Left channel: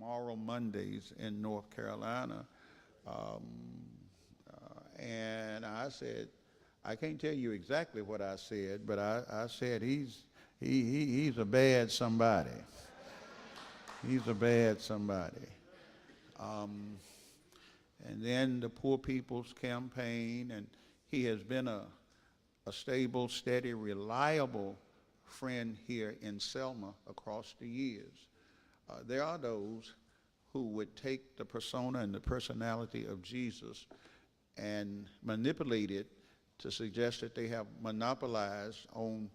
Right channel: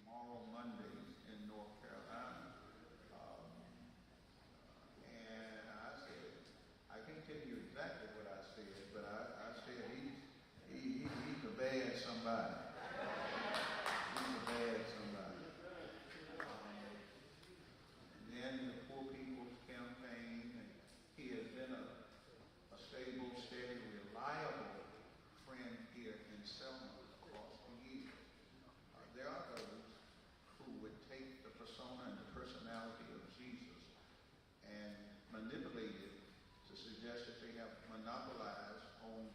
Moral Mondays in North Carolina. Um, and I said, I can't tell you exactly what I said, but I said he's a bad somebody. He's a bad somebody. Um, and then the Poor People's Campaign, and he has been a stable, steady, reliable friend here in Selma across the years. There are those who would take the persona and the personality of Jesus and manipulate it to suggest that they have monopolized on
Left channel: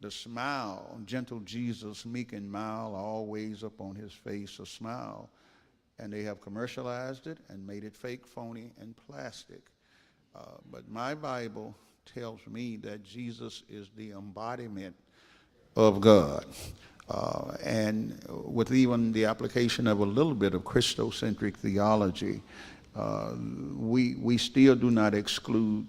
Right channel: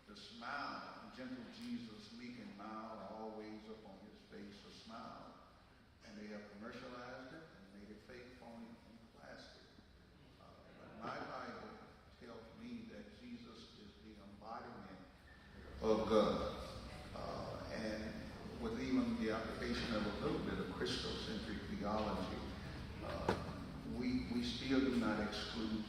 the smile, gentle Jesus, meek and mild, always up on his face a smile. And they have commercialized it and made it fake, phony, and plastic. But my Bible tells me that Jesus is the embodiment of God. And with even the application of a little bit of Christocentric theology, we still do not exclude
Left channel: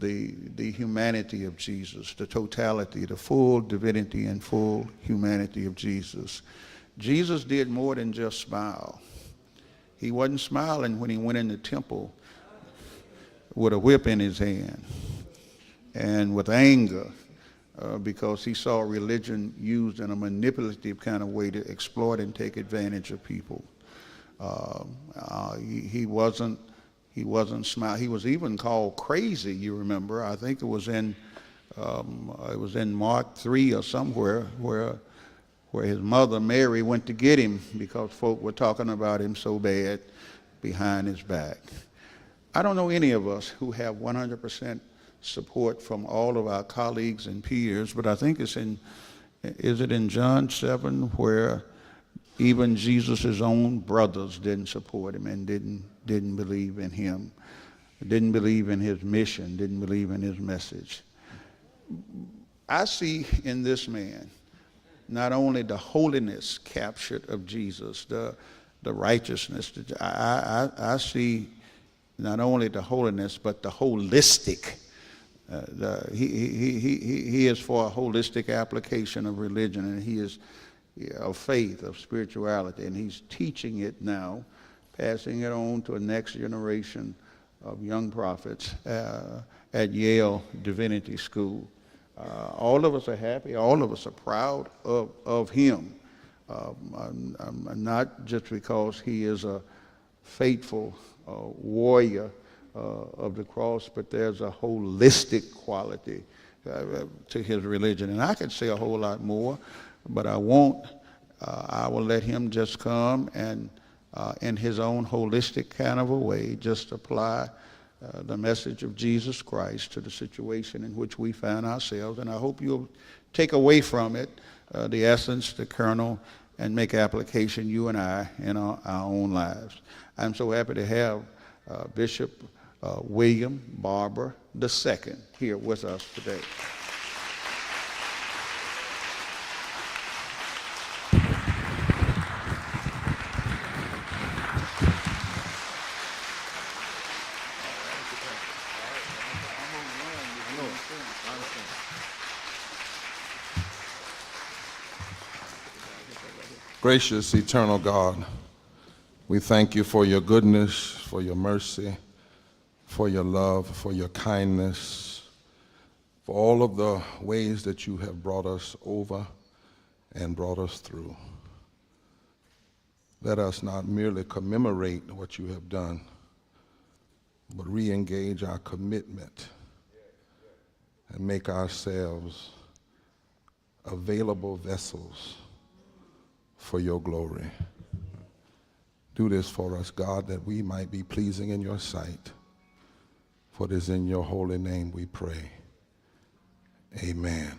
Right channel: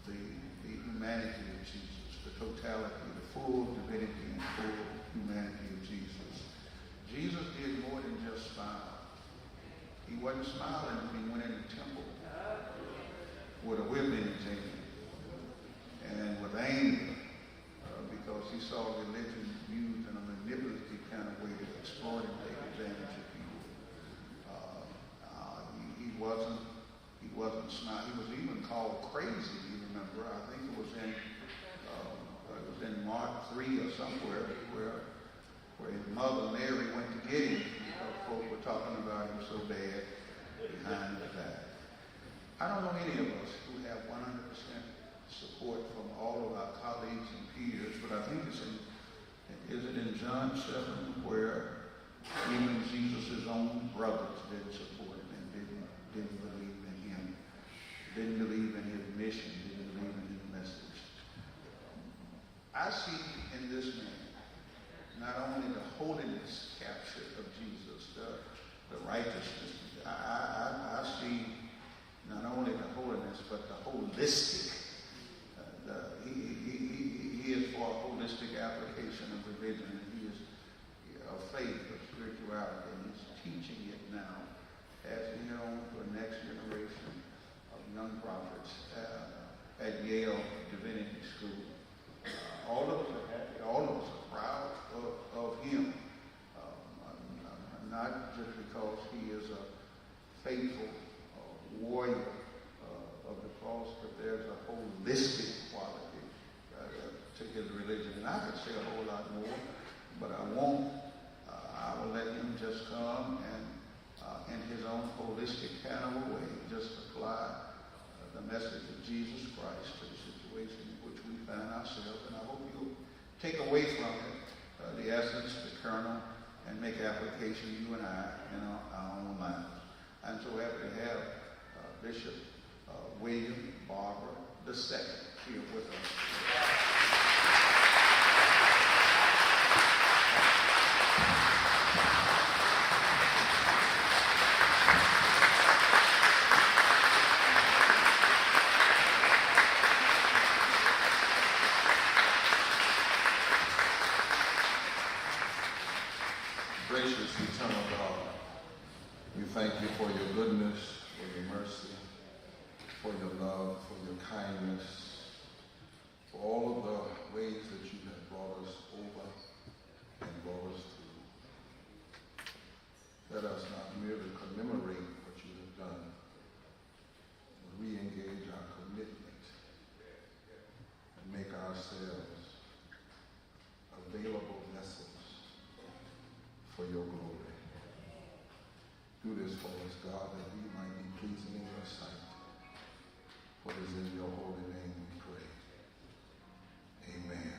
the humanity of Jesus, the totality, the full divinity and full humanity of Jesus. Jesus did more than just smile. He wasn't smiling when he went in the temple with a whip in his hand and with anger because he saw religion used in a manipulative kind of way to exploit and take advantage of people. He wasn't smiling. He was even called crazy, you remember. I think it was in Mark 3 or somewhere where his mother Mary went to get him because folk were talking about him so bad behind his back. I don't know any of us who have 100% support from all of our colleagues and peers, but I think is it in John 7 where even Jesus' own brothers didn't support him and didn't believe in him, didn't believe in his mission, didn't believe in his message. I see in this man not only the holiness captured of Jesus, the righteousness. I see not only the holiness, but the holistic. He is for a holistic application of religion, and he is of faith, of spirituality, and he's teaching it now, passing it on to a next generation of young prophets at Yale Divinity School. All of us are happy. All of us are proud of him, not just because he is a faithful warrior of the cross, but there's a holistic quality to his religion. And I could say a whole lot more, but I won't. I will let him just come and in his own holistic kind of a way just apply the message of Jesus Christ to the situation in which we find ourselves. And I hope you'll take away from it the essence, the kernel, and make application, you and I, in our own lives. I'm so happy to have Bishop William Barber II here with us today. Gracious, eternal God, we thank you for your goodness, for your mercy, for your love, for your kindness, for all of the ways that you have brought us over and brought us through. Let us not merely commemorate what you have done, but re-engage our commitment and make ourselves available vessels for your glory. Do this for us, God, that we might be pleasing in your sight. For it is in your holy name we pray. Amen.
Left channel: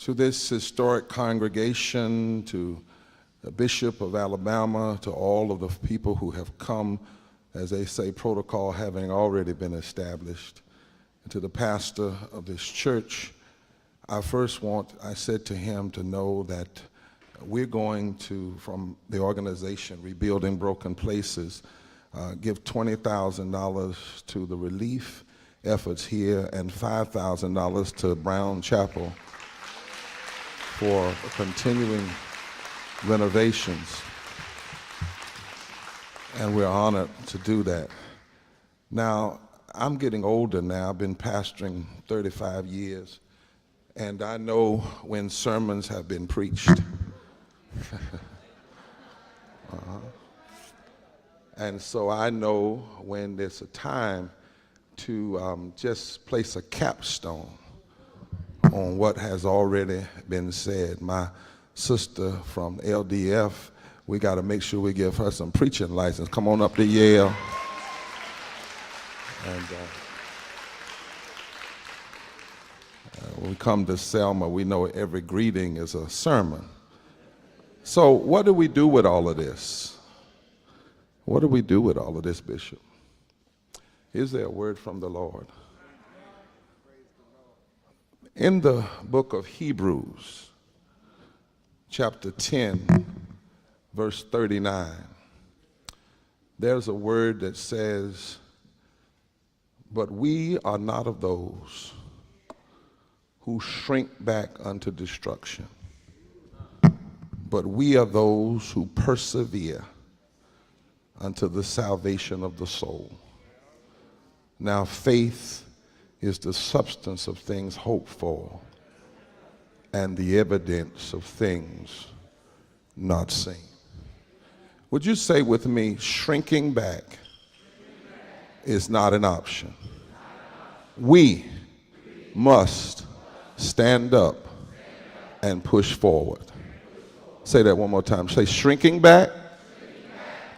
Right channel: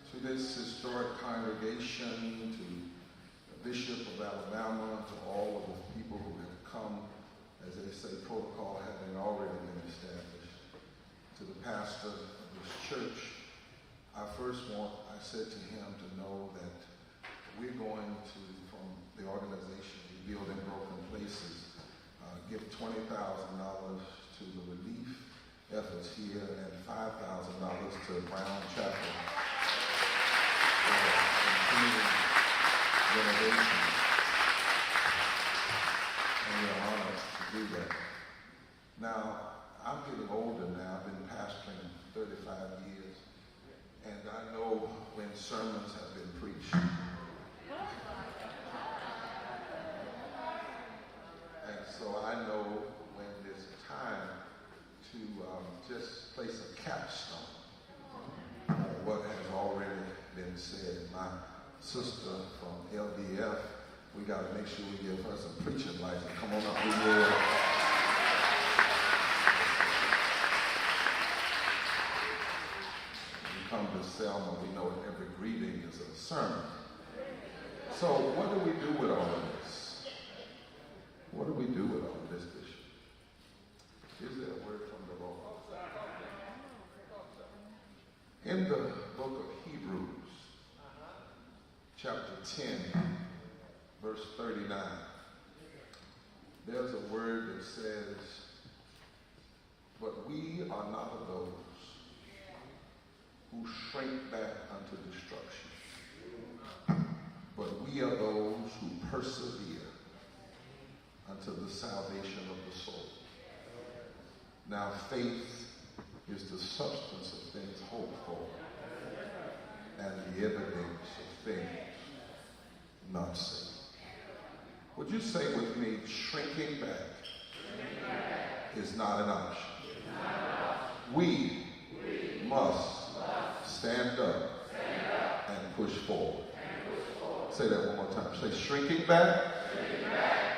To this historic congregation, to the Bishop of Alabama, to all of the people who have come, as they say, protocol having already been established, to the pastor of this church, I said to him to know that we're going to, from the organization Rebuilding Broken Places, give $20,000 to the relief efforts here and $5,000 to Brown Chapel for continuing renovations. and we're honored to do that. Now, I'm getting older now. I've been pastoring 35 years, and I know when sermons have been preached. And so I know when there's a time to just place a capstone on what has already been said. My sister from LDF, we got to make sure we give her some preaching license. Come on up to Yale. And, when we come to Selma, we know every greeting is a sermon. So what do we do with all of this? What do we do with all of this, Bishop? Is there a word from the Lord? In the book of Hebrews, chapter 10, verse 39, there's a word that says, "But we are not of those who shrink back unto destruction, but we are those who persevere unto the salvation of the soul." Now, faith is the substance of things hoped for and the evidence of things not seen. Would you say with me, shrinking back is not an option. We must stand up and push forward. Say that one more time. Say, shrinking back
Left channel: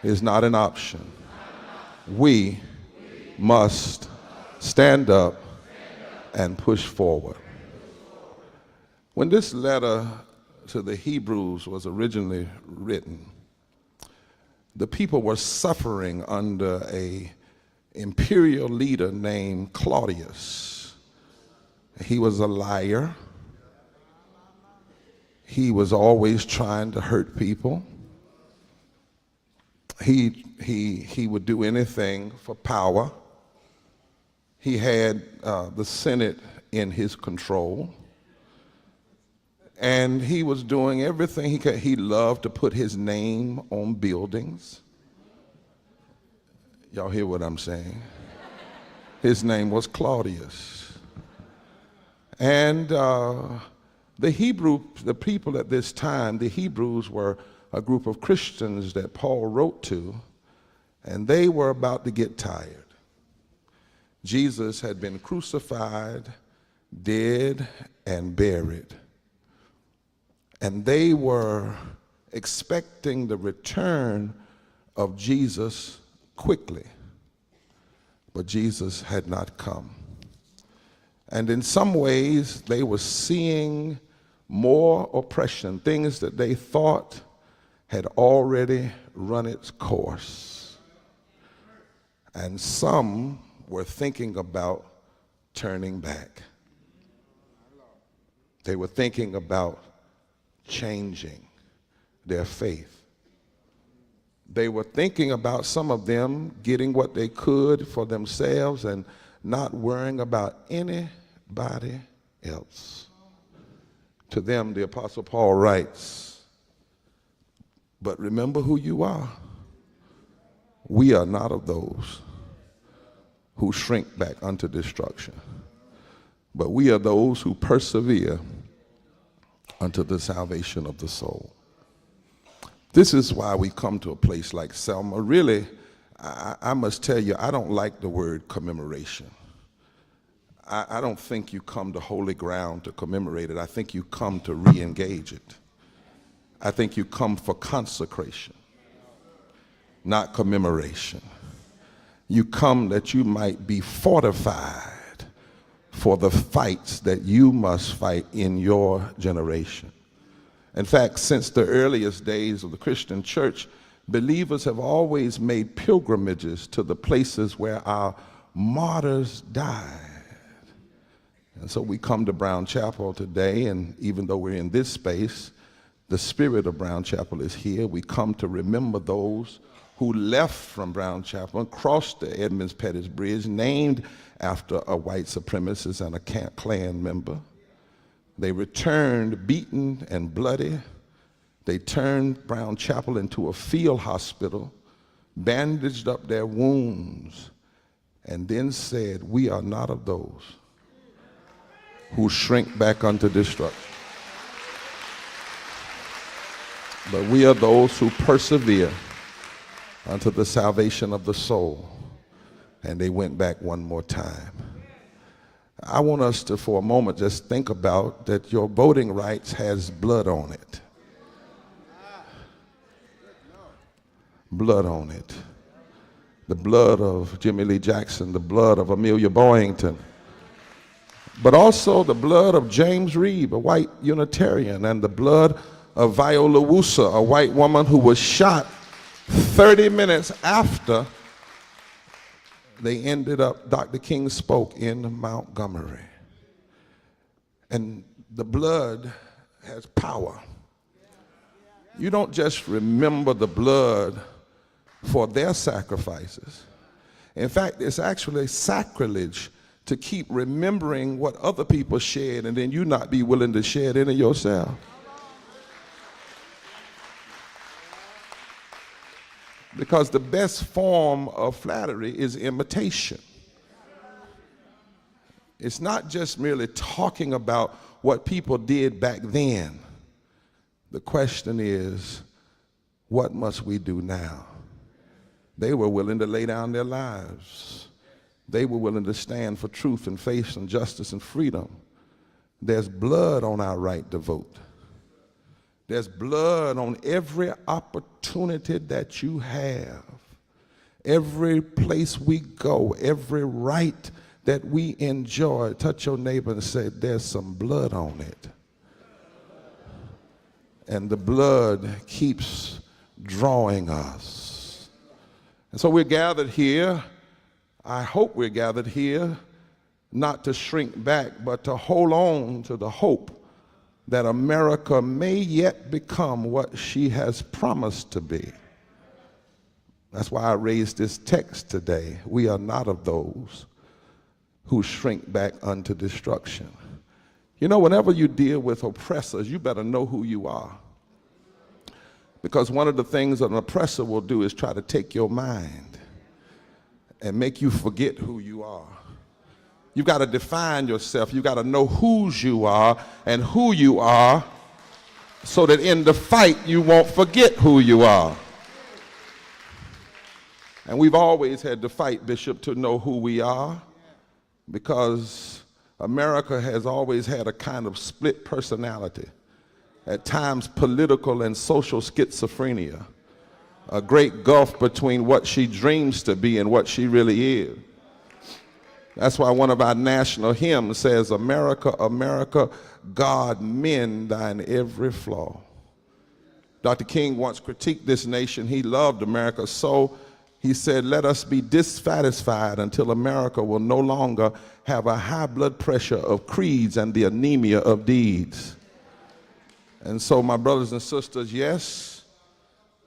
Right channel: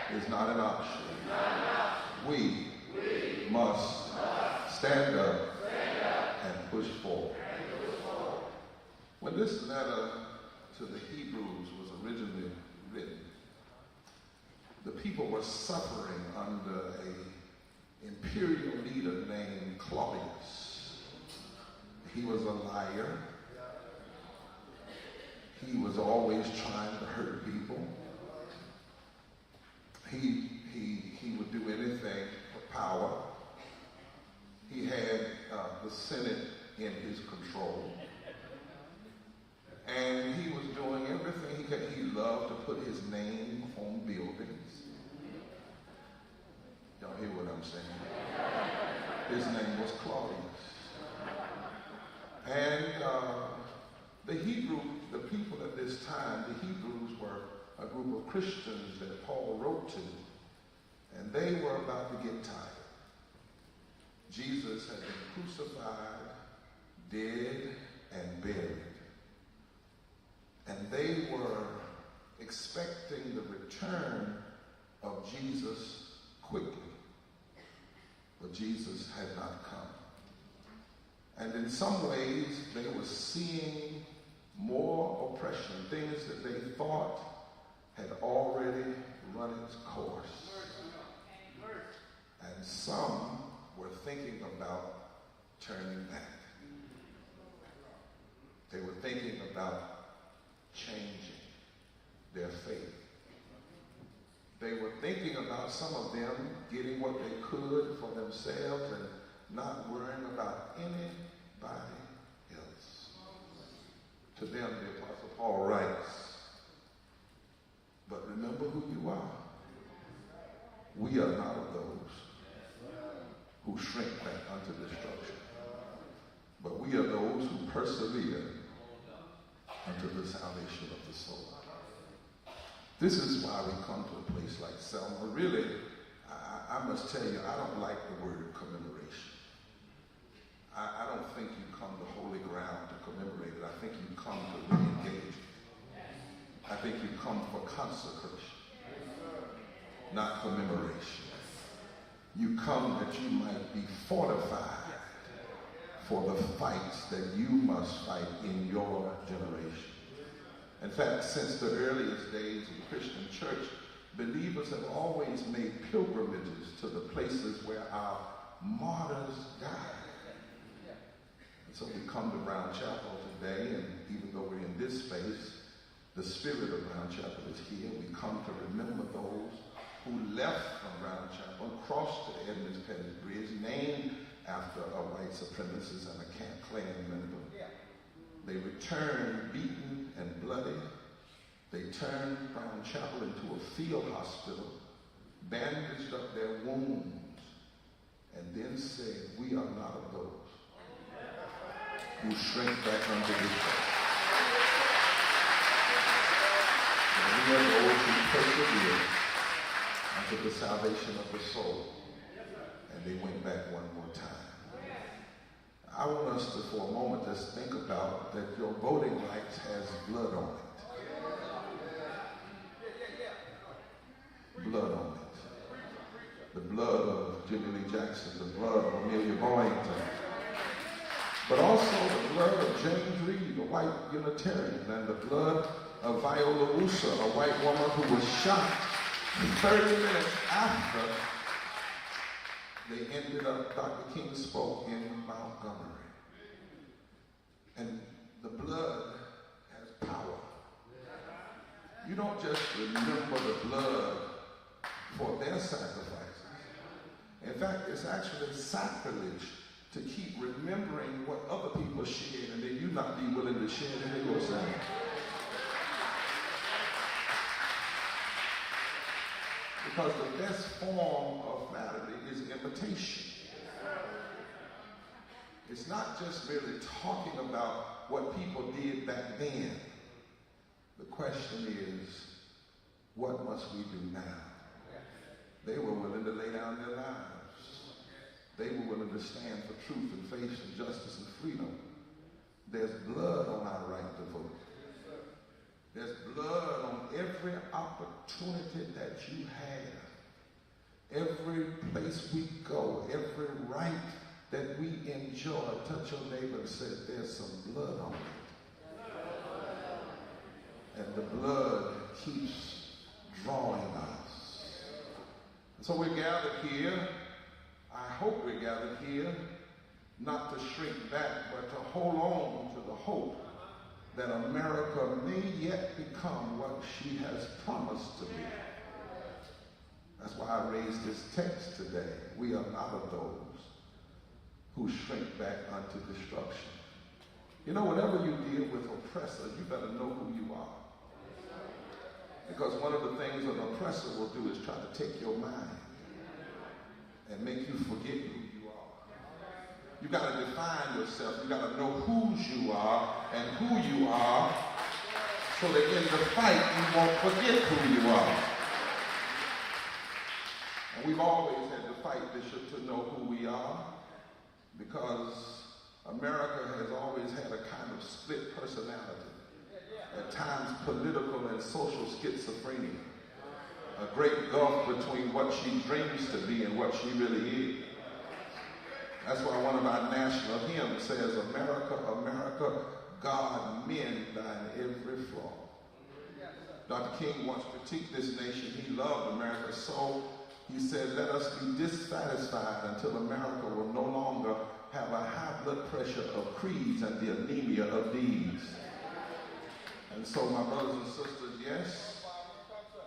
is not an option. We must stand up and push forward. When this letter to the Hebrews was originally written, the people were suffering under an imperial leader named Claudius. He was a liar. He was always trying to hurt people. He would do anything for power. He had the Senate in his control. And he was doing everything he could. He loved to put his name on buildings. Y'all hear what I'm saying? His name was Claudius. And the people at this time, the Hebrews were a group of Christians that Paul wrote to, and they were about to get tired. Jesus had been crucified, dead, and buried. And they were expecting the return of Jesus quickly, but Jesus had not come. And in some ways, they were seeing more oppression, things that they thought had already run its course. And some were thinking about turning back. They were thinking about changing their faith. They were thinking about, some of them, getting what they could for themselves and not worrying about anybody else. To them, the Apostle Paul writes, "But remember who you are. We are not of those who shrink back unto destruction, but we are those who persevere unto the salvation of the soul." This is why we come to a place like Selma. Really, I must tell you, I don't like the word commemoration. I don't think you come to holy ground to commemorate it. I think you come to re-engage it. I think you come for consecration, not commemoration. You come that you might be fortified for the fights that you must fight in your generation. In fact, since the earliest days of the Christian church, believers have always made pilgrimages to the places where our martyrs died. And so we come to Brown Chapel today, and even though we're in this space, the spirit of Brown Chapel is here. We come to remember those who left from Brown Chapel and crossed the Edmonds Pettus Bridge, named after a white supremacist and a Klan member. They returned beaten and bloody. They turned Brown Chapel into a field hospital bandaged up their wounds, and then said, "We are not of those who shrink back unto destruction, but we are those who persevere unto the salvation of the soul." And they went back one more time. I want us to, for a moment, just think about that your voting rights has blood on it. Blood on it. The blood of Jubilee Jackson, the blood of Amelia Boyington, but also the blood of James Reeb, a white Unitarian, and the blood of Viola Woosa, a white woman who was shot 30 minutes after they ended up, Dr. King spoke in Montgomery. And the blood has power. You don't just remember the blood for their sacrifices. In fact, it's actually sacrilege to keep remembering what other people shed and then you not be willing to shed any yourself. Because the best form of flattery is imitation. It's not just merely talking about what people did back then. The question is, what must we do now? They were willing to lay down their lives. They were willing to stand for truth and faith and justice and freedom. There's blood on our right to vote. There's blood on every opportunity that you have. Every place we go, every right that we enjoy. Touch your neighbor and say, there's some blood on it. And the blood keeps drawing us. And so we're gathered here. I hope we're gathered here not to shrink back, but to hold on to the hope that America may yet become what she has promised to be. That's why I raised this text today. We are not of those who shrink back unto destruction. You know, whenever you deal with oppressors, you better know who you are. Because one of the things an oppressor will do is try to take your mind and make you forget who you are. You've got to define yourself. You've got to know whose you are and who you are so that in the fight you won't forget who you are. And we've always had to fight, Bishop, to know who we are, because America has always had a kind of split personality, at times political and social schizophrenia, a great gulf between what she dreams to be and what she really is. That's why one of our national hymns says, America, America, God mend thine every flaw. Dr. King once critiqued this nation. He loved America, so he said, let us be dissatisfied until America will no longer have a high blood pressure of creeds and the anemia of deeds. And so, my brothers and sisters, yes,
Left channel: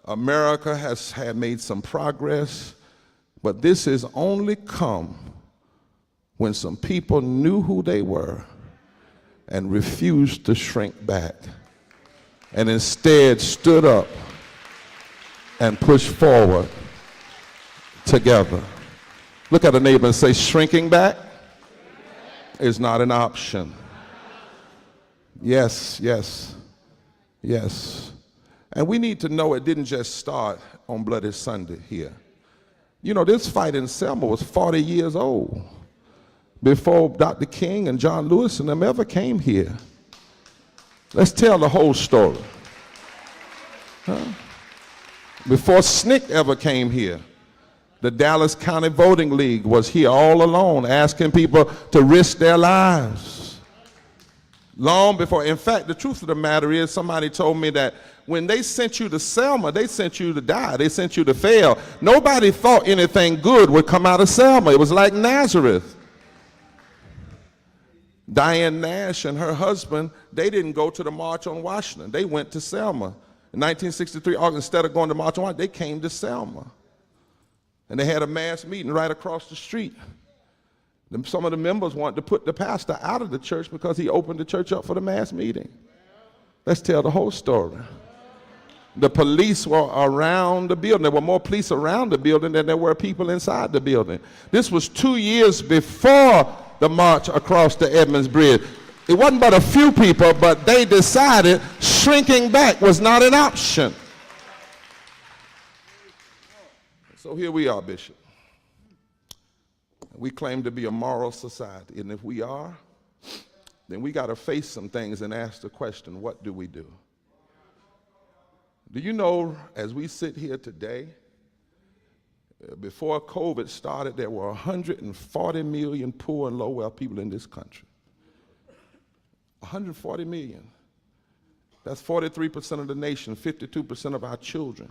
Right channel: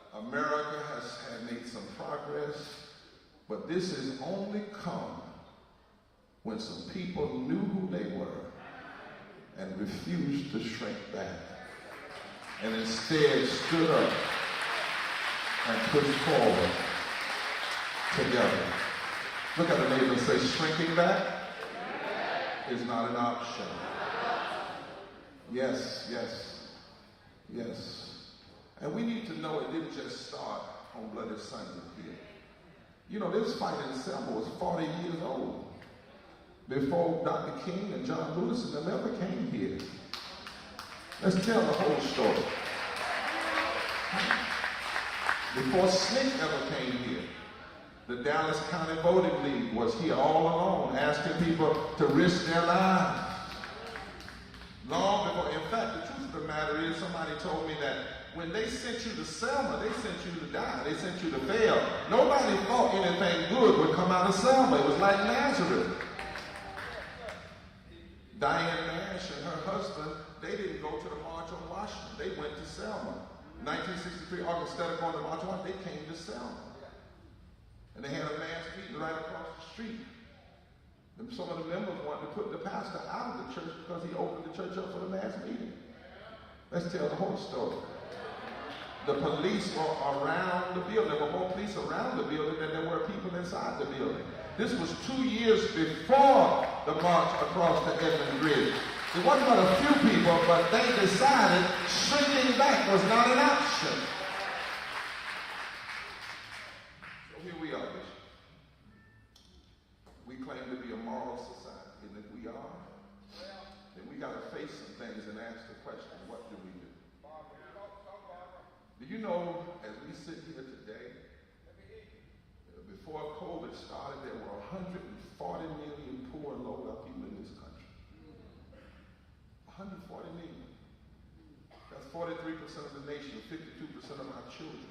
America has made some progress, but this has only come when some people knew who they were and refused to shrink back and instead stood up and pushed forward together. Look at a neighbor and say, shrinking back is not an option. Yes, yes, yes. And we need to know it didn't just start on Bloody Sunday here. You know, this fight in Selma was 40 years old before Dr. King and John Lewis and them ever came here. Let's tell the whole story. Before SNCC ever came here, the Dallas County Voting League was here all alone, asking people to risk their lives. Long before, in fact, the truth of the matter is, somebody told me that when they sent you to Selma, they sent you to die. They sent you to fail. Nobody thought anything good would come out of Selma. It was like Nazareth. Diane Nash and her husband, they didn't go to the March on Washington. They went to Selma. In 1963, August, instead of going to March on Washington, they came to Selma. And they had a mass meeting right across the street. Some of the members wanted to put the pastor out of the church because he opened the church up for the mass meeting. Let's tell the whole story. The police were around the building. There were more police around the building than there were people inside the building. This was 2 years before the march across the Edmonds Bridge. It wasn't but a few people, but they decided shrinking back was not an option. So here we are, Bishop. We claim to be a moral society, and if we are, then we got to face some things and ask the question, what do we do? Do you know, as we sit here today, before COVID started, there were 140 million poor and low-wealth people in this country. 140 million. That's 43% of the nation, 52% of our children.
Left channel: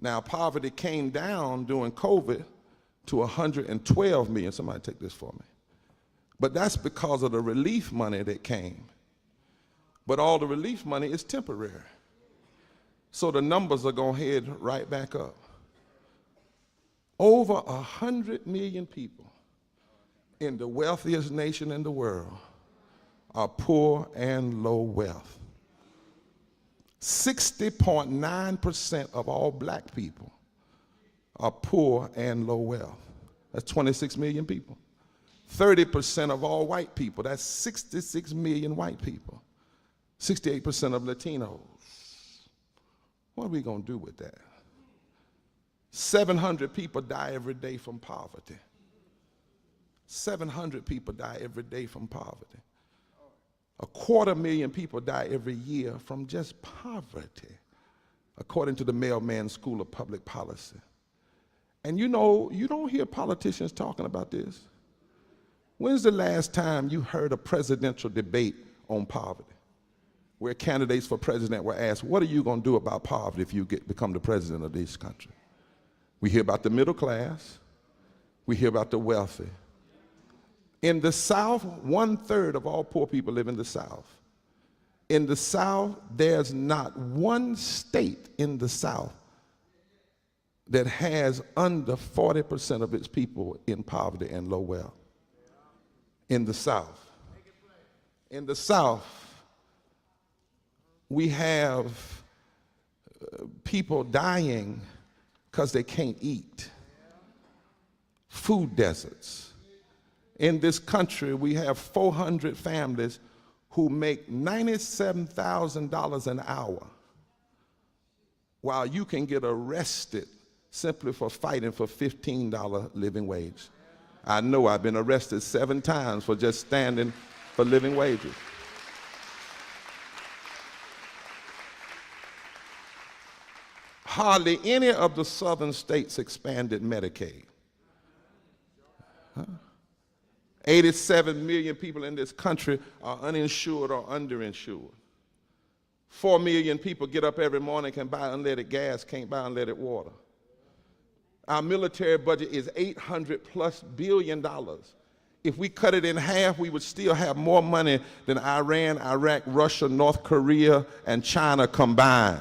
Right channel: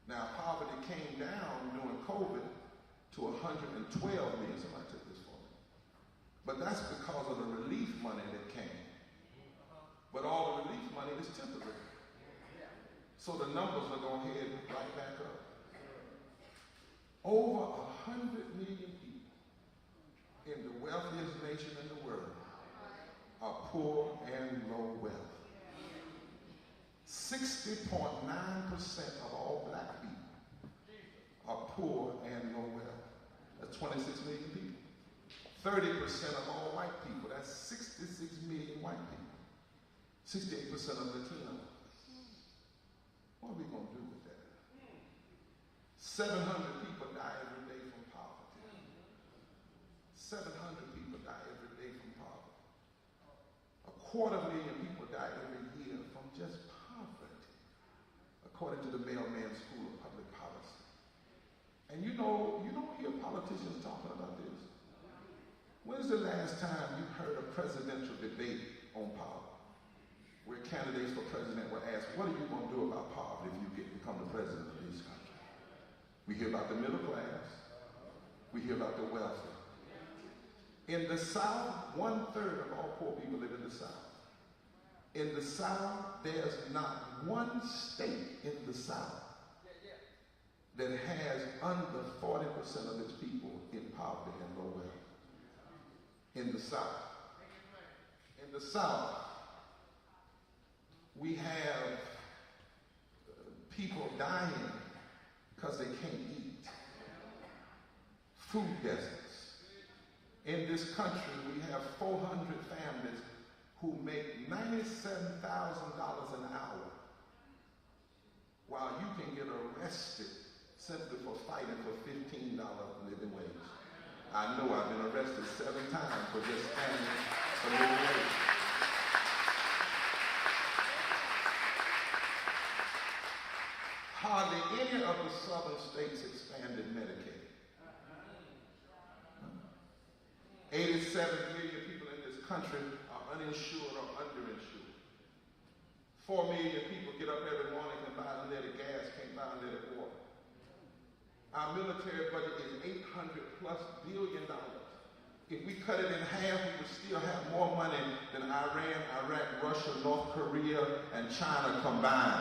Now, poverty came down during COVID to 112 million. Somebody take this for me. But that's because of the relief money that came. But all the relief money is temporary. So the numbers are going to head right back up. Over 100 million people in the wealthiest nation in the world are poor and low wealth. 60.9% of all black people are poor and low wealth. That's 26 million people. 30% of all white people, that's 66 million white people. 68% of Latinos. What are we going to do with that? 700 people die every day from poverty. 700 people die every day from poverty. 250,000 people die every year from just poverty, according to the Mailman School of Public Policy. And you know, you don't hear politicians talking about this. When's the last time you heard a presidential debate on poverty, where candidates for president were asked, what are you going to do about poverty if you become the president of this country? We hear about the middle class. We hear about the wealthy. In the South, 1/3 of all poor people live in the South. In the South, there's not one state in the South that has under 40% of its people in poverty and low wealth. In the South. In the South, we have people dying because they can't eat. Food deserts. In this country, we have 400 families who make $97,000 an hour, while you can get arrested simply for fighting for $15 living wage. I know I've been arrested 7 times for just standing for living wages. Hardly any of the southern states expanded Medicaid. 87 million people in this country are uninsured or underinsured. 4 million people get up every morning, can buy unleaded gas, can't buy unleaded water. Our military budget is $800+ billion. If we cut it in half, we would still have more money than Iran, Iraq, Russia, North Korea, and China combined.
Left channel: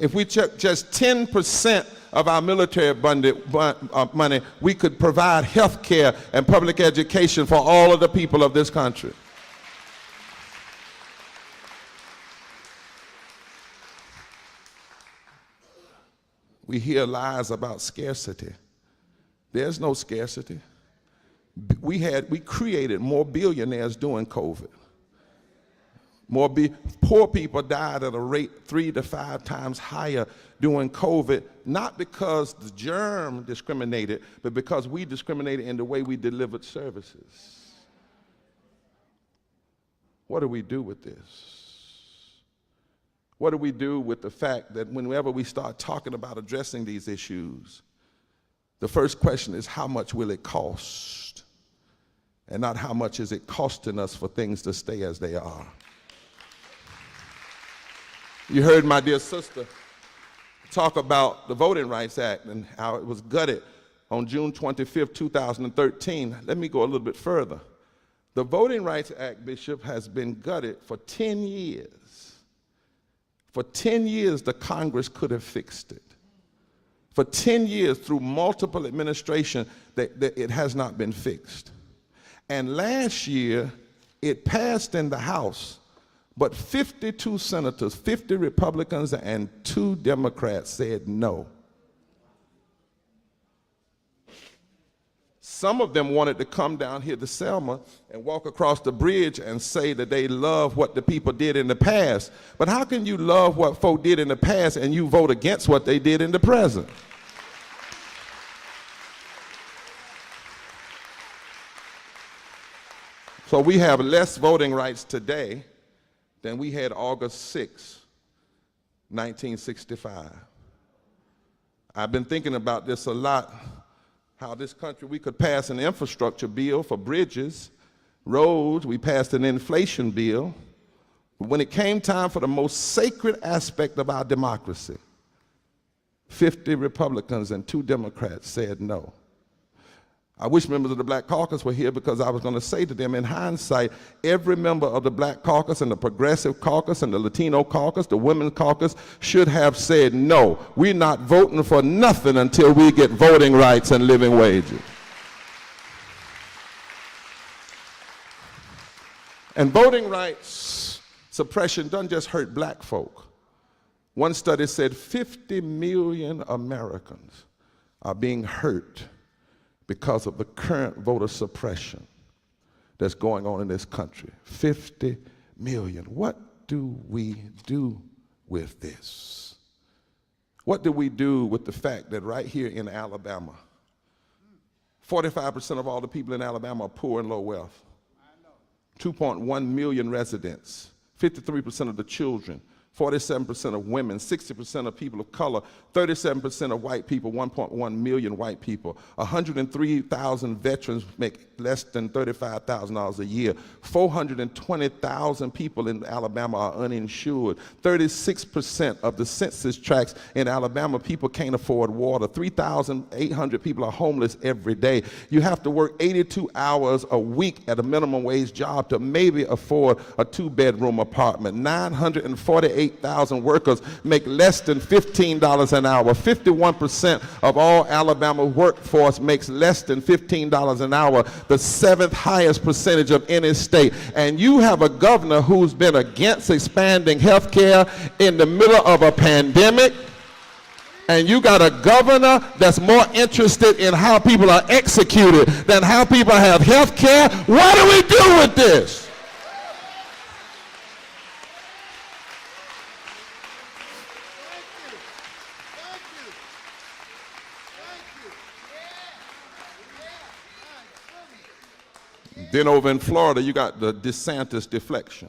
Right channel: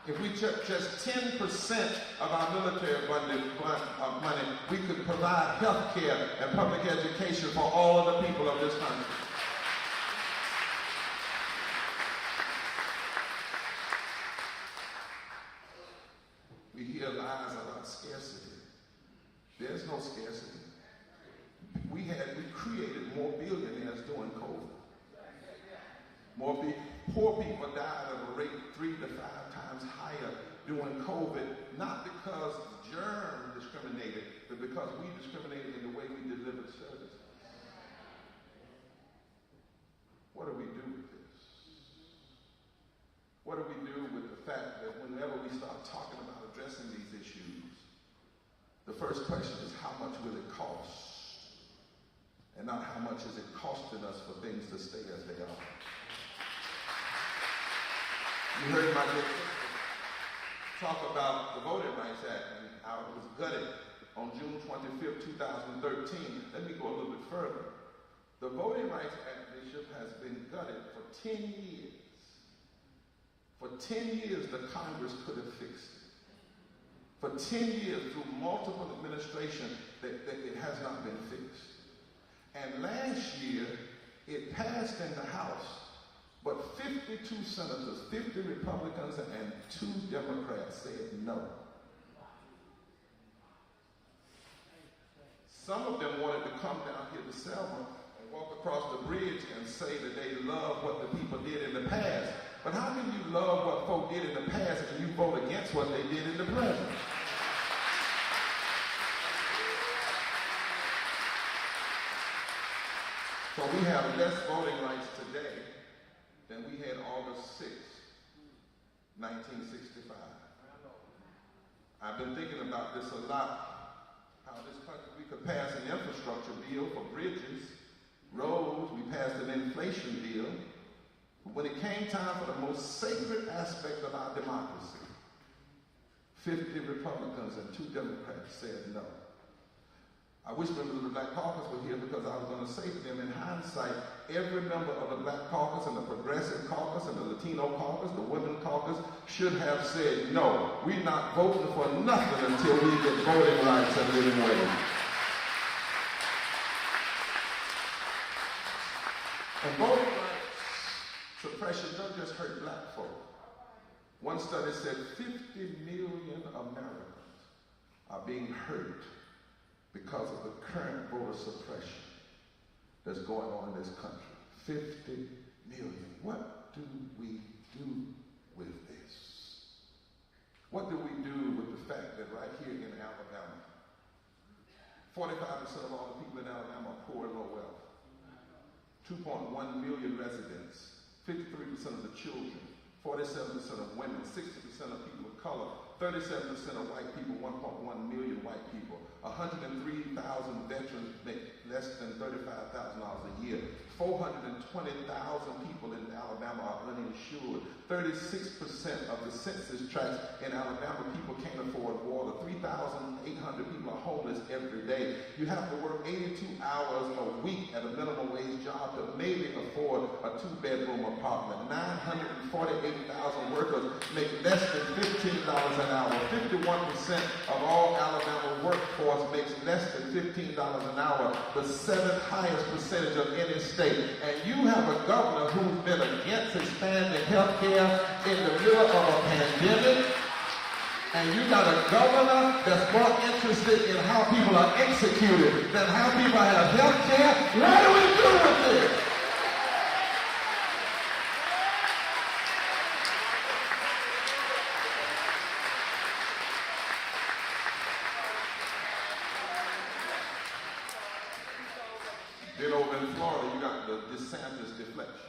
If we took just 10% of our military money, we could provide health care and public education for all of the people of this country. We hear lies about scarcity. There's no scarcity. We created more billionaires during COVID. Poor people died at a rate 3 to 5 times higher during COVID, not because the germ discriminated, but because we discriminated in the way we delivered services. What do we do with this? What do we do with the fact that whenever we start talking about addressing these issues, the first question is, how much will it cost? And not how much is it costing us for things to stay as they are. You heard my dear sister talk about the Voting Rights Act and how it was gutted on June 25th, 2013. Let me go a little bit further. The Voting Rights Act, Bishop, has been gutted for 10 years. For 10 years, the Congress could have fixed it. For 10 years, through multiple administrations, that it has not been fixed. And last year, it passed in the House, But 52 senators, 50 Republicans, and 2 Democrats said no. Some of them wanted to come down here to Selma and walk across the bridge and say that they love what the people did in the past. But how can you love what folk did in the past and you vote against what they did in the present? So we have less voting rights today than we had August 6, 1965. I've been thinking about this a lot. How this country, we could pass an infrastructure bill for bridges, roads, we passed an inflation bill. But when it came time for the most sacred aspect of our democracy, 50 Republicans and 2 Democrats said no. I wish members of the Black Caucus were here because I was going to say to them, in hindsight, every member of the Black Caucus and the Progressive Caucus and the Latino Caucus, the Women's Caucus, should have said, no, we're not voting for nothing until we get voting rights and living wages. And voting rights suppression doesn't just hurt black folk. One study said 50 million Americans are being hurt because of the current voter suppression that's going on in this country. 50 million. What do we do with this? What do we do with the fact that right here in Alabama, 45% of all the people in Alabama are poor and low wealth? 2.1 million residents, 53% of the children, 47% of women, 60% of people of color, 37% of white people, 1.1 million white people. 103,000 veterans make less than $35,000 a year. 420,000 people in Alabama are uninsured. 36% of the census tracts in Alabama, people can't afford water. 3,800 people are homeless every day. You have to work 82 hours a week at a minimum wage job to maybe afford a 2-bedroom apartment. 948,000 workers make less than $15 an hour. 51% of all Alabama workforce makes less than $15 an hour, the 7th highest percentage of any state. And you have a governor who's been against expanding health care in the middle of a pandemic. And you got a governor that's more interested in how people are executed than how people have health care. What do we do with this? Then over in Florida, you got the DeSantis deflection.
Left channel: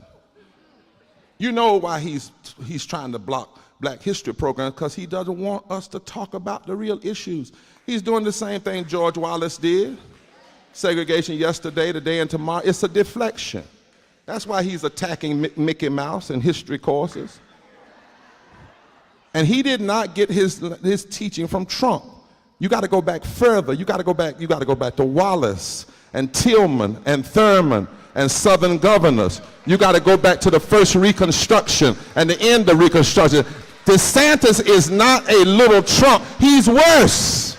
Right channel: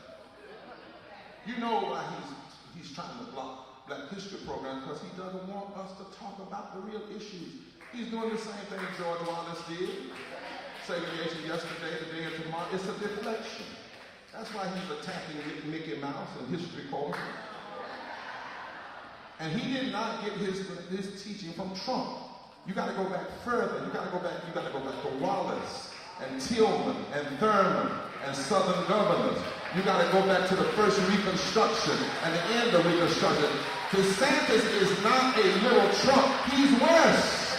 You know why he's trying to block Black History programs? Because he doesn't want us to talk about the real issues. He's doing the same thing George Wallace did. Segregation yesterday, today, and tomorrow. It's a deflection. That's why he's attacking Mickey Mouse in history courses. And he did not get his teaching from Trump. You got to go back further. You got to go back to Wallace and Tillman and Thurman and Southern governors. You got to go back to the first Reconstruction and the end of Reconstruction. DeSantis is not a little Trump. He's worse.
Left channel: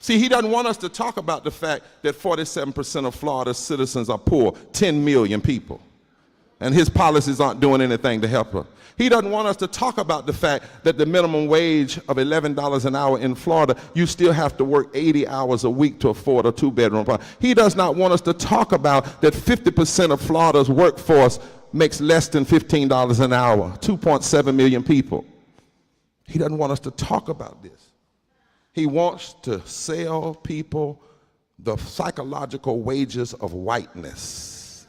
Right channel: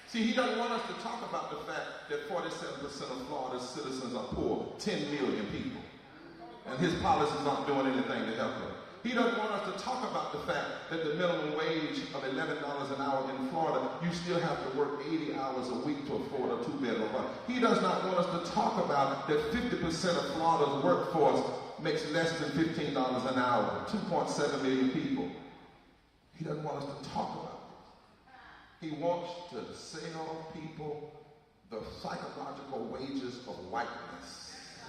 See, he doesn't want us to talk about the fact that 47% of Florida's citizens are poor, 10 million people, and his policies aren't doing anything to help them. He doesn't want us to talk about the fact that the minimum wage of $11 an hour in Florida, you still have to work 80 hours a week to afford a 2-bedroom apartment. He does not want us to talk about that 50% of Florida's workforce makes less than $15 an hour, 2.7 million people. He doesn't want us to talk about this. He wants to sell people the psychological wages of whiteness.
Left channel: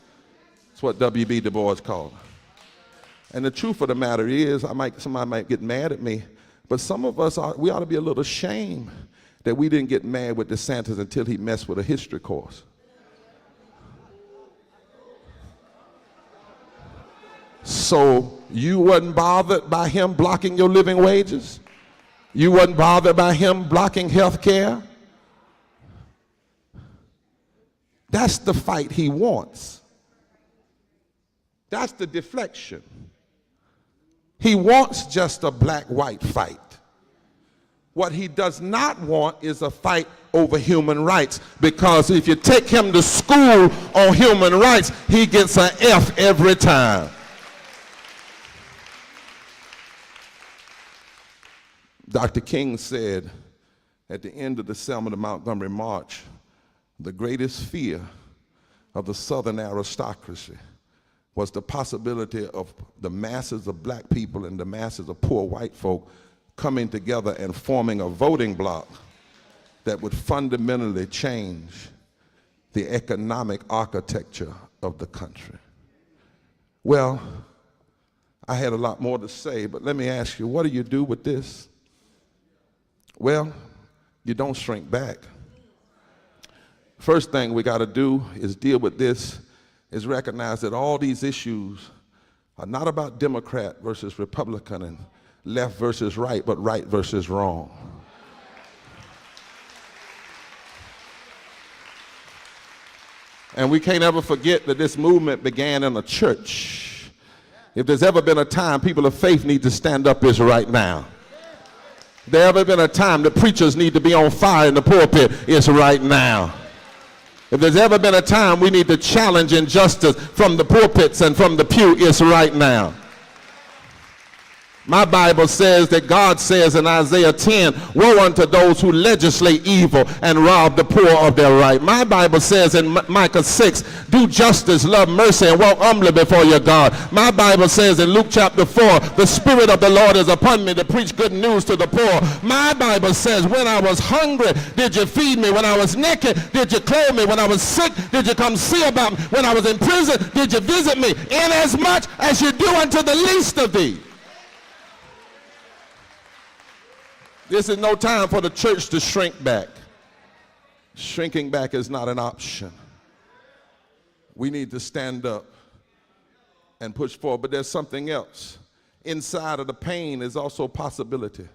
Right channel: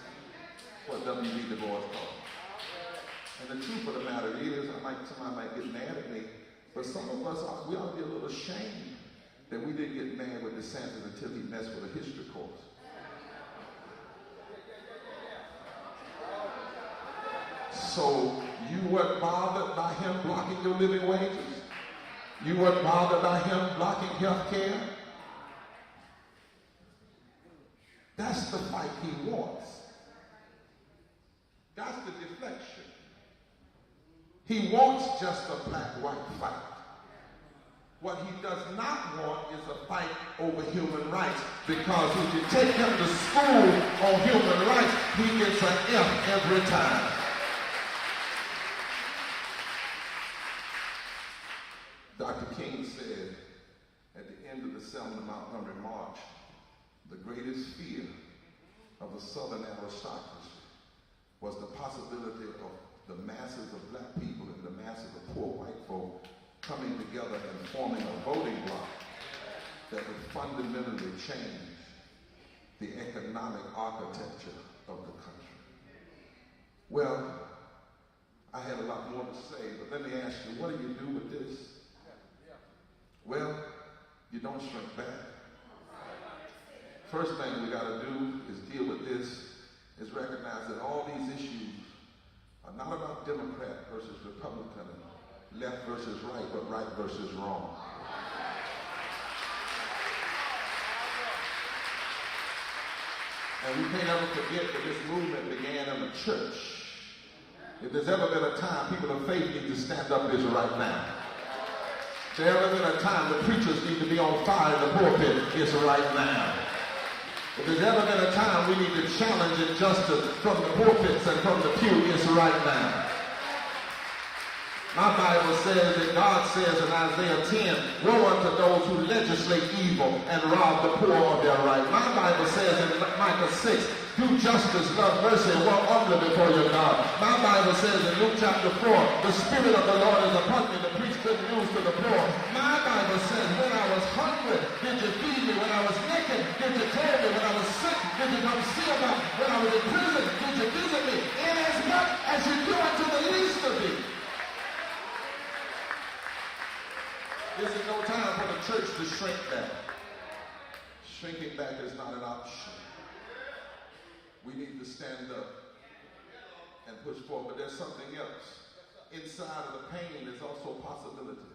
That's what W.B. Du Bois called it. And the truth of the matter is, somebody might get mad at me, but some of us, we ought to be a little ashamed that we didn't get mad with DeSantis until he messed with a history course. So you wasn't bothered by him blocking your living wages? You wasn't bothered by him blocking health care? That's the fight he wants. That's the deflection. He wants just a black-white fight. What he does not want is a fight over human rights, because if you take him to school on human rights, he gets an F every time. Dr. King said at the end of the Selma to Montgomery March, the greatest fear of the Southern aristocracy was the possibility of the masses of black people and the masses of poor white folk coming together and forming a voting bloc that would fundamentally change the economic architecture of the country. Well, I had a lot more to say, but let me ask you, what do you do with this? Well, you don't shrink back. First thing we got to do is deal with this, is recognize that all these issues are not about Democrat versus Republican and left versus right, but right versus wrong. And we can't ever forget that this movement began in a church. If there's ever been a time people of faith need to stand up, it's right now. If there's ever been a time the preachers need to be on fire in the pulpit, it's right now. If there's ever been a time we need to challenge injustice from the pulpits and from the pew, it's right now. My Bible says that God says in Isaiah 10, woe unto those who legislate evil and rob the poor of their right. My Bible says in Micah 6, do justice, love mercy, and walk humbly before your God. My Bible says in Luke chapter 4, the Spirit of the Lord is upon me to preach good news to the poor. My Bible says, when I was hungry, did you feed me? When I was naked, did you clothe me? When I was sick, did you come see about me? When I was in prison, did you visit me? Inasmuch as you do unto the least of these. This is no time for the church to shrink back. Shrinking back is not an option. We need to stand up and push forward, but there's something else. Inside of the pain is also possibility.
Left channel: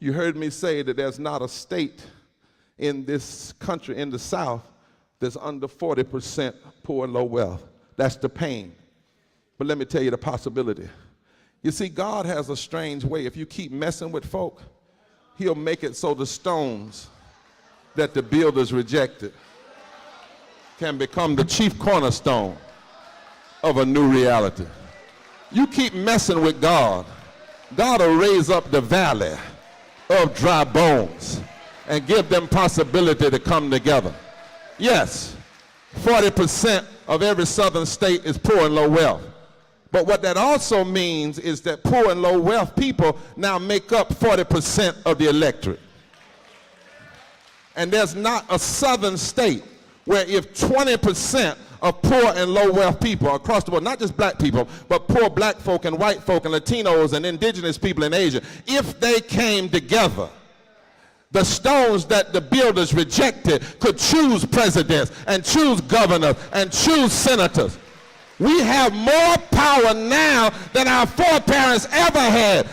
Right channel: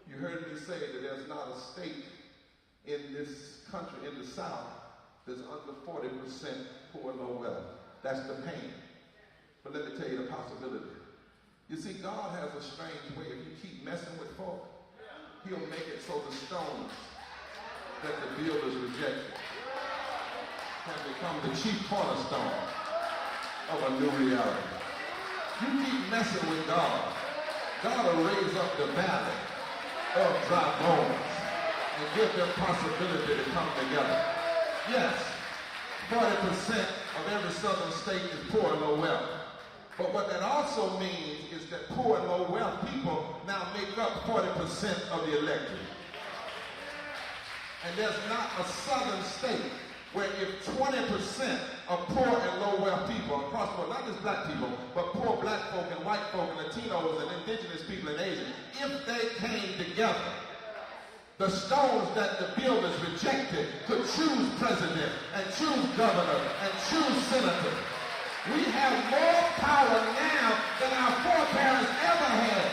You heard me say that there's not a state in this country, in the South, that's under 40% poor and low wealth. That's the pain. But let me tell you the possibility. You see, God has a strange way. If you keep messing with folk, he'll make it so the stones that the builders rejected can become the chief cornerstone of a new reality. You keep messing with God, God will raise up the valley of dry bones and give them possibility to come together. Yes, 40% of every southern state is poor and low wealth. But what that also means is that poor and low wealth people now make up 40% of the electorate. And there's not a southern state where if 20% of poor and low wealth people across the board, not just black people, but poor black folk and white folk and Latinos and indigenous people in Asia, if they came together, the stones that the builders rejected could choose presidents and choose governors and choose senators. We have more power now than our foreparents ever had.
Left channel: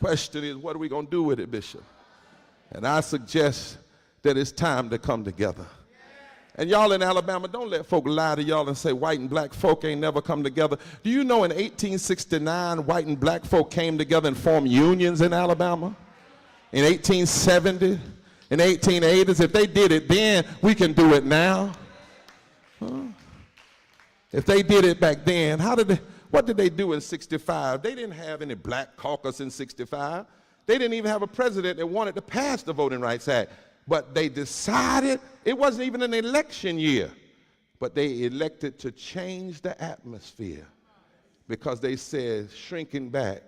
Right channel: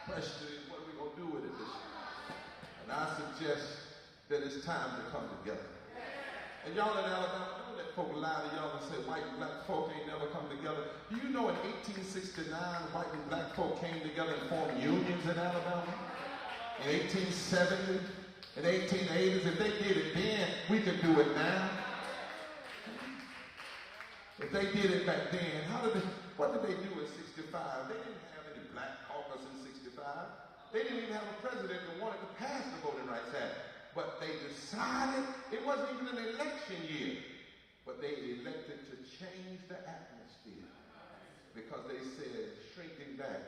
Question is, what are we going to do with it, Bishop? And I suggest that it's time to come together. And y'all in Alabama, don't let folk lie to y'all and say white and black folk ain't never come together. Do you know in 1869, white and black folk came together and formed unions in Alabama? In 1870? In the 1880s, if they did it then, we can do it now. If they did it back then, what did they do in 65? They didn't have any black caucus in 65. They didn't even have a president that wanted to pass the Voting Rights Act. But they decided, it wasn't even an election year, but they elected to change the atmosphere because they said shrinking back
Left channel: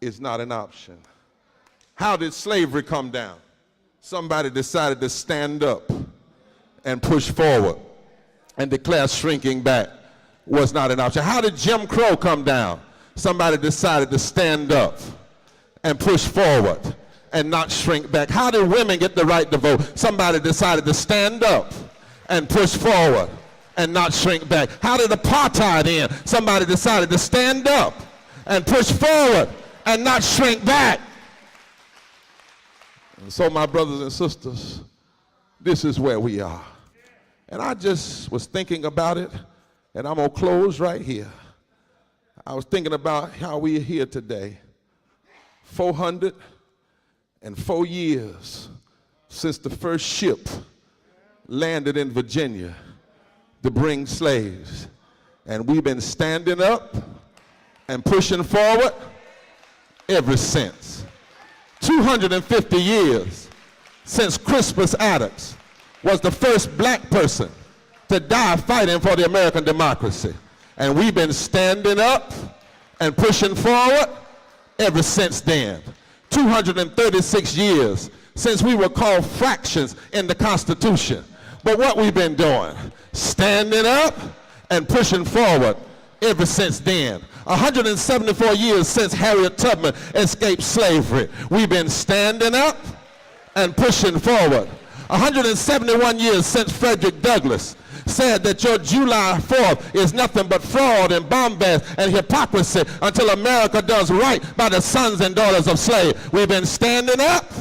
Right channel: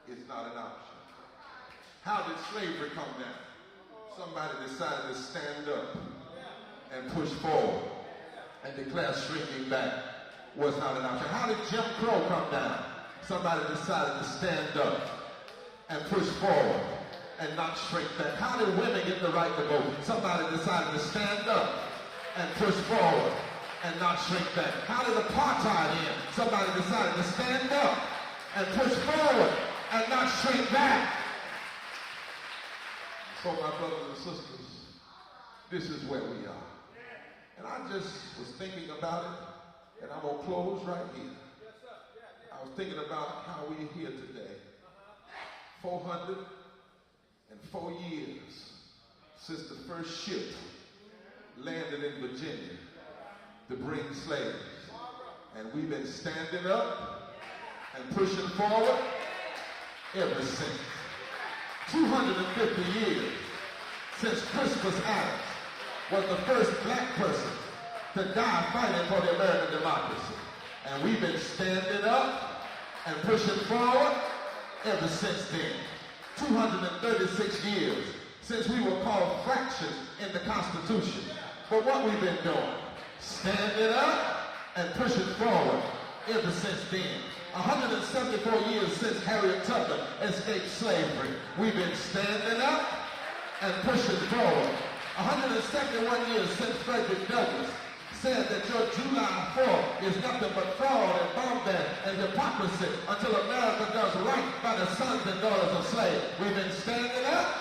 is not an option. How did slavery come down? Somebody decided to stand up and push forward and declare shrinking back was not an option. How did Jim Crow come down? Somebody decided to stand up and push forward and not shrink back. How did women get the right to vote? Somebody decided to stand up and push forward and not shrink back. How did apartheid end? Somebody decided to stand up and push forward and not shrink back. And so my brothers and sisters, this is where we are. And I just was thinking about it, and I'm gonna close right here. I was thinking about how we're here today. 404 years since the first ship landed in Virginia to bring slaves. And we've been standing up and pushing forward ever since. 250 years since Crispus Attucks was the first black person to die fighting for the American democracy. And we've been standing up and pushing forward ever since then. 236 years since we were called fractions in the Constitution. But what we've been doing, standing up and pushing forward ever since then. 174 years since Harriet Tubman escaped slavery. We've been standing up and pushing forward. 171 years since Frederick Douglass said that your July 4th is nothing but fraud and bombast and hypocrisy until America does right by the sons and daughters of slaves. We've been standing up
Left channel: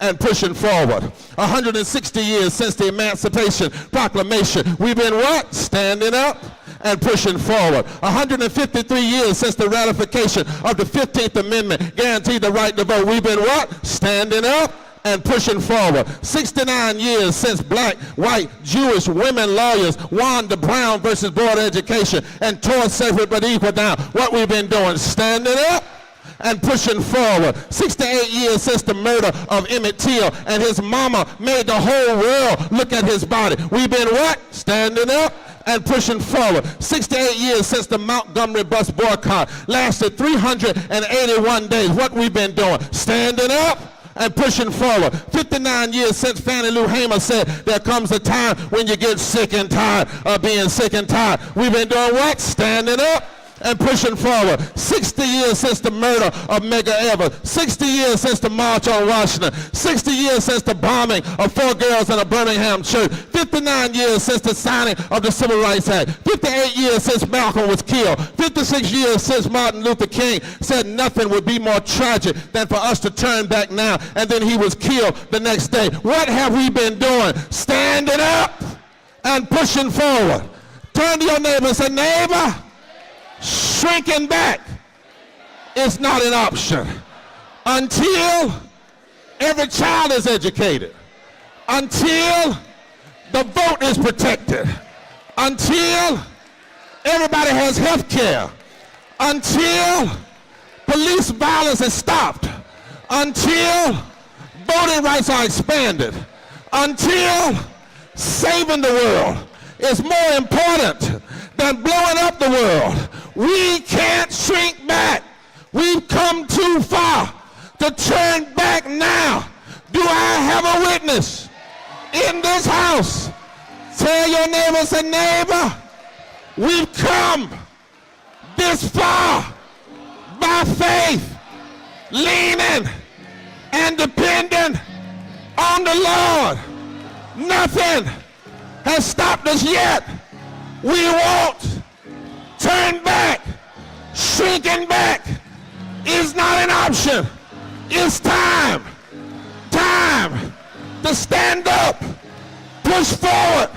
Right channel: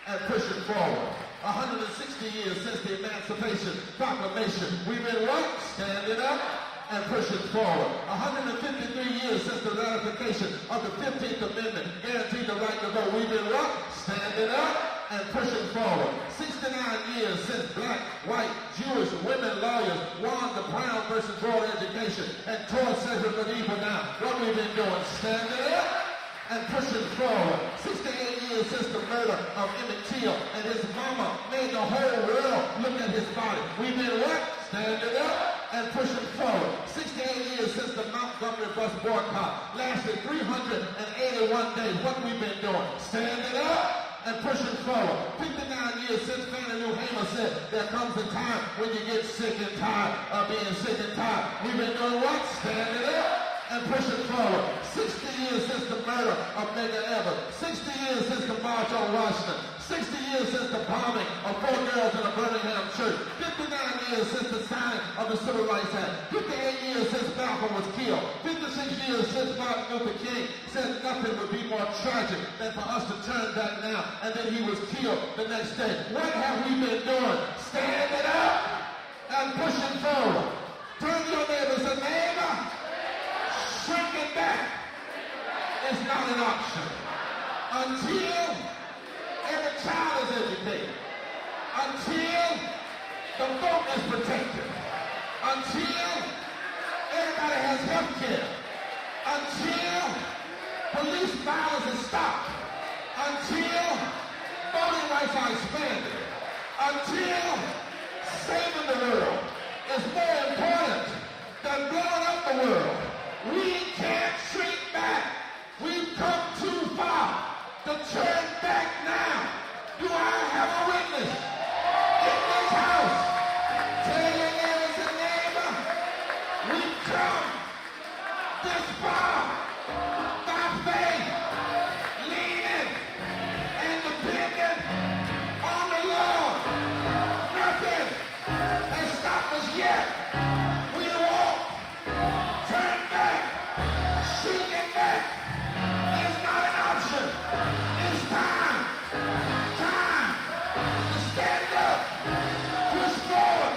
and pushing forward. 160 years since the Emancipation Proclamation. We've been what? Standing up and pushing forward. 153 years since the ratification of the 15th Amendment guaranteed the right to vote. We've been what? Standing up and pushing forward. 69 years since black, white, Jewish women lawyers won the Brown versus Board of Education and tore separate but equal down. What we've been doing? Standing up and pushing forward. 68 years since the murder of Emmett Till and his mama made the whole world look at his body. We've been what? Standing up and pushing forward. 68 years since the Montgomery bus boycott lasted 381 days. What we've been doing? Standing up and pushing forward. 59 years since Fannie Lou Hamer said there comes a time when you get sick and tired of being sick and tired. We've been doing what? Standing up and pushing forward. 60 years since the murder of Medgar Evers. 60 years since the March on Washington. 60 years since the bombing of 4 girls in a Birmingham church. 59 years since the signing of the Civil Rights Act. 58 years since Malcolm was killed. 56 years since Martin Luther King said nothing would be more tragic than for us to turn back now, and then he was killed the next day. What have we been doing? Standing up and pushing forward. Turn to your neighbor and say, neighbor, shrinking back is not an option until every child is educated, until the vote is protected, until everybody has health care, until police violence is stopped, until voting rights are expanded, until saving the world is more important than blowing up the world. We can't shrink back. We've come too far to turn back now. Do I have a witness in this house? Tell your neighbor, say, neighbor, we've come this far by faith, leaning and depending on the Lord. Nothing has stopped us yet. We won't turn back. Shrinking back is not an option. It's time to stand up, push forward,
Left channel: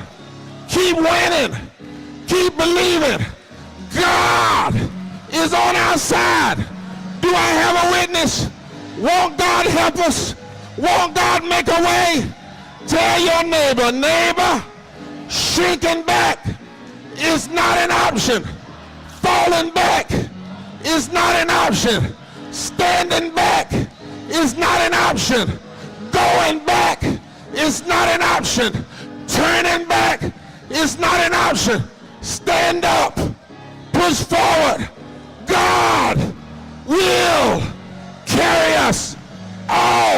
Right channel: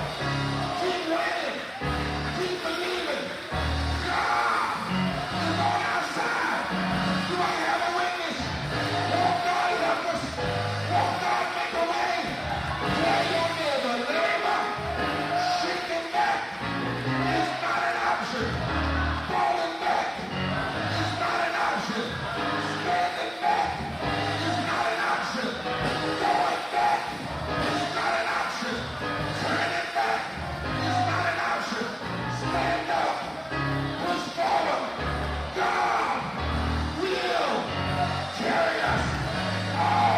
keep winning, keep believing. God is on our side. Do I have a witness? Won't God help us? Won't God make a way? Tell your neighbor, neighbor, shrinking back is not an option. Falling back is not an option. Standing back is not an option. Going back is not an option. Turning back is not an option. Stand up. Push forward. God will carry us all